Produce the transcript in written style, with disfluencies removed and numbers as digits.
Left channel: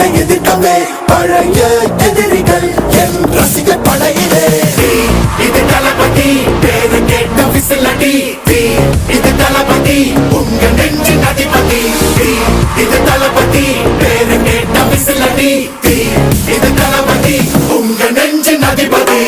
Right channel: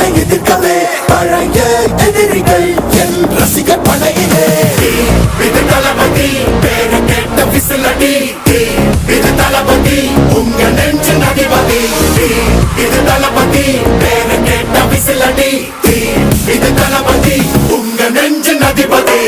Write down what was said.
என்னை எதிர்க்கவே பழைய எதிரிகள் என் ரசிகர் படையிலே. இது தளபதி பேரு கேட்ட விசிலடி, இது தளபதி உங்க நெஞ்சு அதிபதி. இது தளபதி பேரு கேட்ட விசிலடி, இது தளபதி உங்க நெஞ்சு அதிபதி.